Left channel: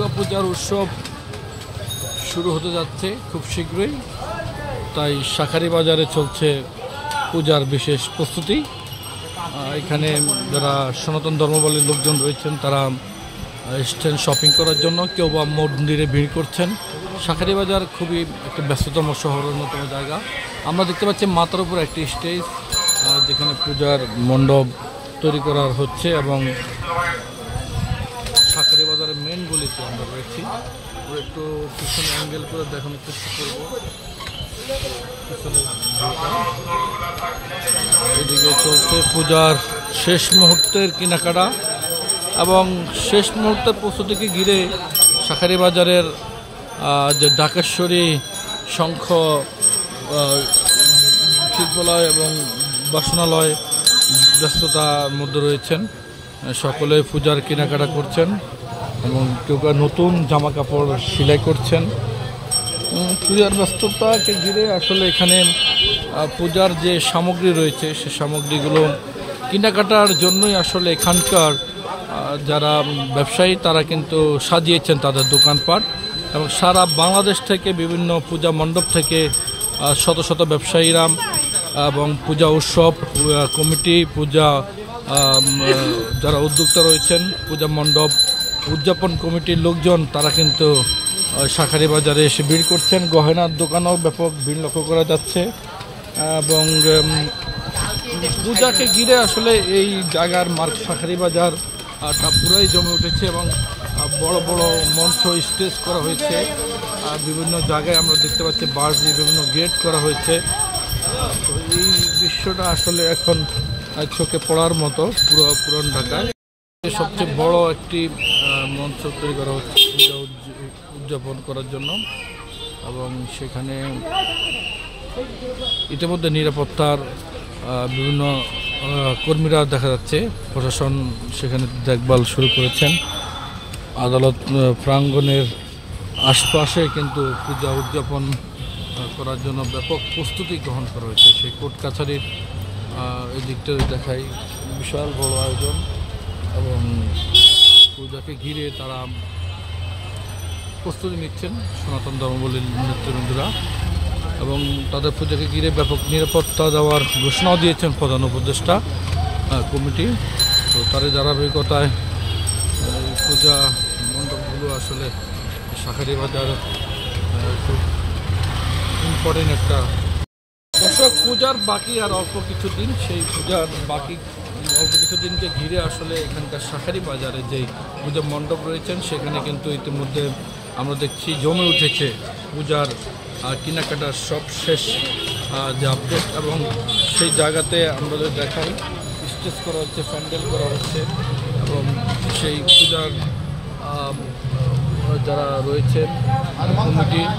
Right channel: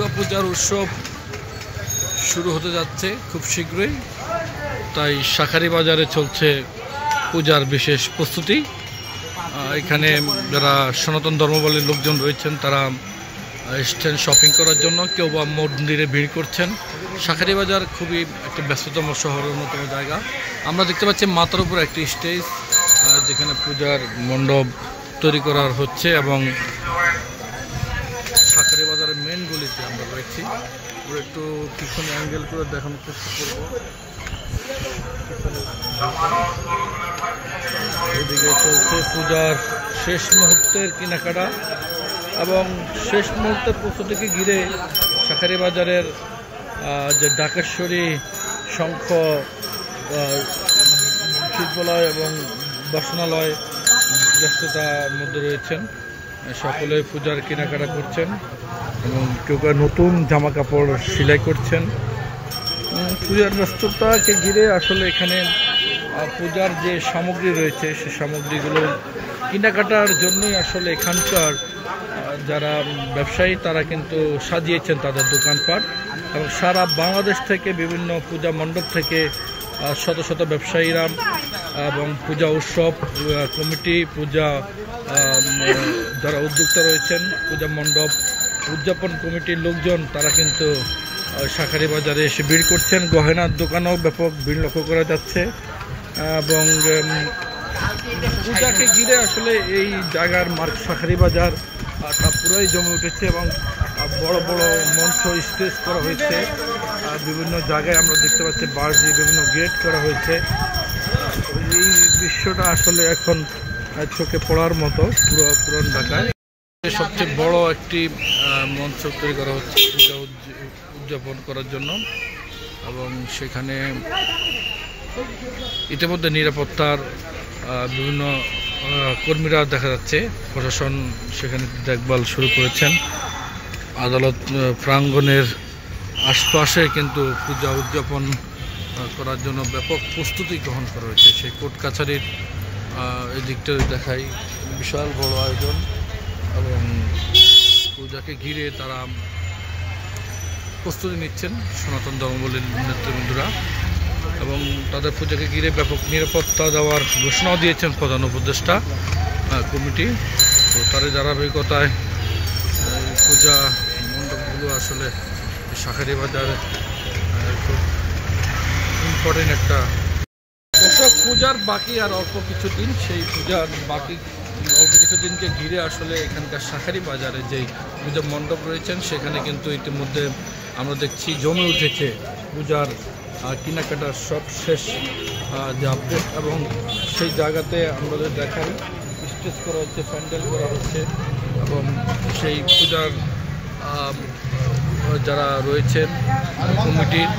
দুর্গাপূজার উৎসব শুরু হতে যাচ্ছে খুব শীঘ্রই, তাই শাঁখারী বাজারে চলছে পূজার বিশেষ প্রস্তুতি। এখানে যারা সনাতন ধর্মাবলম্বী লোকজন রয়েছেন তারা এসছেন শপিং করার জন্য, কেউ বা মন্দিরে ভিড় করছেন। শাঁখারী বাজার খুবই একটা ব্যস্ততম শহরের অন্যতম জায়গা। আমরা দেখতে পাচ্ছি মাথার উপর একটি স্টেজ, যেখানে পূজার মণ্ডপ তৈরি করা হচ্ছে এবং শাঁখারী বাজারের মেন গলিতে আমরা রয়েছি। একটু পিছনে অ্যাঙ্গেল করে দেখানোর চেষ্টা করবো। এদিকে চলছে পূজার শেষ মুহূর্তের কেনাকাটা এবং শেষ মুহূর্তের প্রস্তুতিকে ঘিরে শাঁখারী বাজারের যে ঢাকেশ্বরী, শঙ্খ, শিল্পালয় এবং বাসনালয় ব্যস্ততার মধ্যে রয়েছেন। সকলে পূজার কেনাকাটা করছেন এবং কেউ নতুন জামা কাপড় সেলাই করছেন। পূজার ব্যস্ততাকে ঘিরে আসলে এখানে পূজার যে সামগ্রী রয়েছে সে সামগ্রীগুলো কেনাকাটার জন্যই আসলে এখানকার যারা ব্যবসায়ী তারা কিন্তু সাজিয়েছেন তাদের দোকানপাট, এবং সারা বাংলাদেশ থেকে বিভিন্ন পূজা মণ্ডপ থেকে শত শত ব্যবসায়ীরা এবং পূজা উৎসব কমিটি, পূজা যারা উদ্যোক্তা রয়েছেন, পূজা মণ্ডপ উদযাপন কমিটির লোকজন তারা কিন্তু শাঁখারী বাজারে এসে ভিড় করছেন। গহনার দোকানেও ব্যাপক ভিড় লক্ষ্য করা যাচ্ছে এবং পূজাকে ঘিরে আসলে এই জায়গার শাঁখারী বাজার তা পুরাই জমে উঠেছে এবং বড় বড় মঞ্চ স্টেজ করা হয়েছে। বিভিন্ন জায়গায় আমরা দেখতে পাচ্ছি বাঁশ দিয়ে বিভিন্ন গেট করা হয়েছে। তো এই দৃশ্যটা আসলে এখন চোখে পড়ার মতো পুরান ঢাকায় সবচেয়ে বড় একটি মঞ্চ তৈরি করা হচ্ছে পূজা উদযাপন করার জন্য, এবং সেখানে ইতিমধ্যে নিরাপত্তার বিভিন্ন কর্মীরা দেখা যাচ্ছে। প্রশাসন সেখানে দেখভাল শুরু করেছেন। আদালত প্রাঙ্গণের আশপাশে কিন্তু পূজা উদযাপন করার জন্য ব্যাপক প্রস্তুতি গ্রহণ করা হয়েছে। সেই কোর্ট কাছারির এই দিকটা দেখাই, বিশাল বড় আয়োজন এবং পূজাকে ঘিরে তারা প্রস্তুতি নিচ্ছেন সনাতন ধর্মাবলম্বী নেতৃবৃন্দরা, এবং তাদের পূজাকে ঘিরে ব্যাপক নিরাপত্তা দেওয়ার ঘোষণাও দিয়েছেন প্রধান উপদেষ্টা কমিটি। তো তার ধারাবাহিকতায় পূজা মণ্ডপগুলো আসলে শাঁখারী বাজারে খুব ইম্পর্টেন্ট একটা দর্শক। পূজার বাকি আর অল্প কিছু দিন, সেই পূজার বাকি অল্প কিছু দিনকে ঘিরে আসলে এখানকার শাঁখারী বাজারে যেই পূজা মণ্ডপ রয়েছেন সেখানে কিন্তু ইতিমধ্যে আমরা দেখছি জমে উঠেছে পূজার কেনাকাটার সব শেষ যে আপডেট, এবং সেই জায়গাতে আমাদের দেখার স্টেজ করা হচ্ছে, প্যান্ডেল করা হচ্ছে এবং সেই পূজার যারা রয়েছেন কমিটির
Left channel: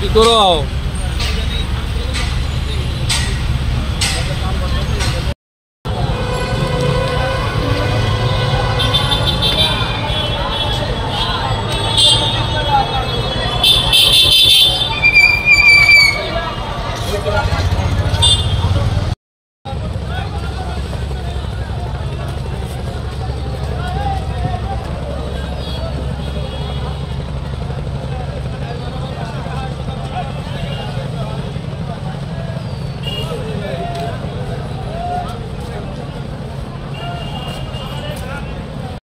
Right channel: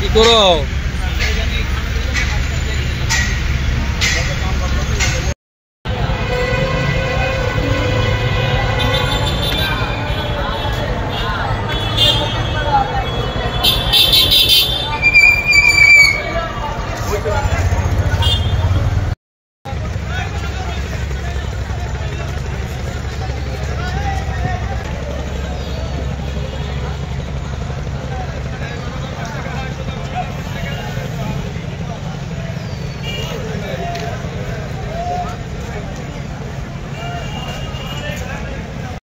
কি করো।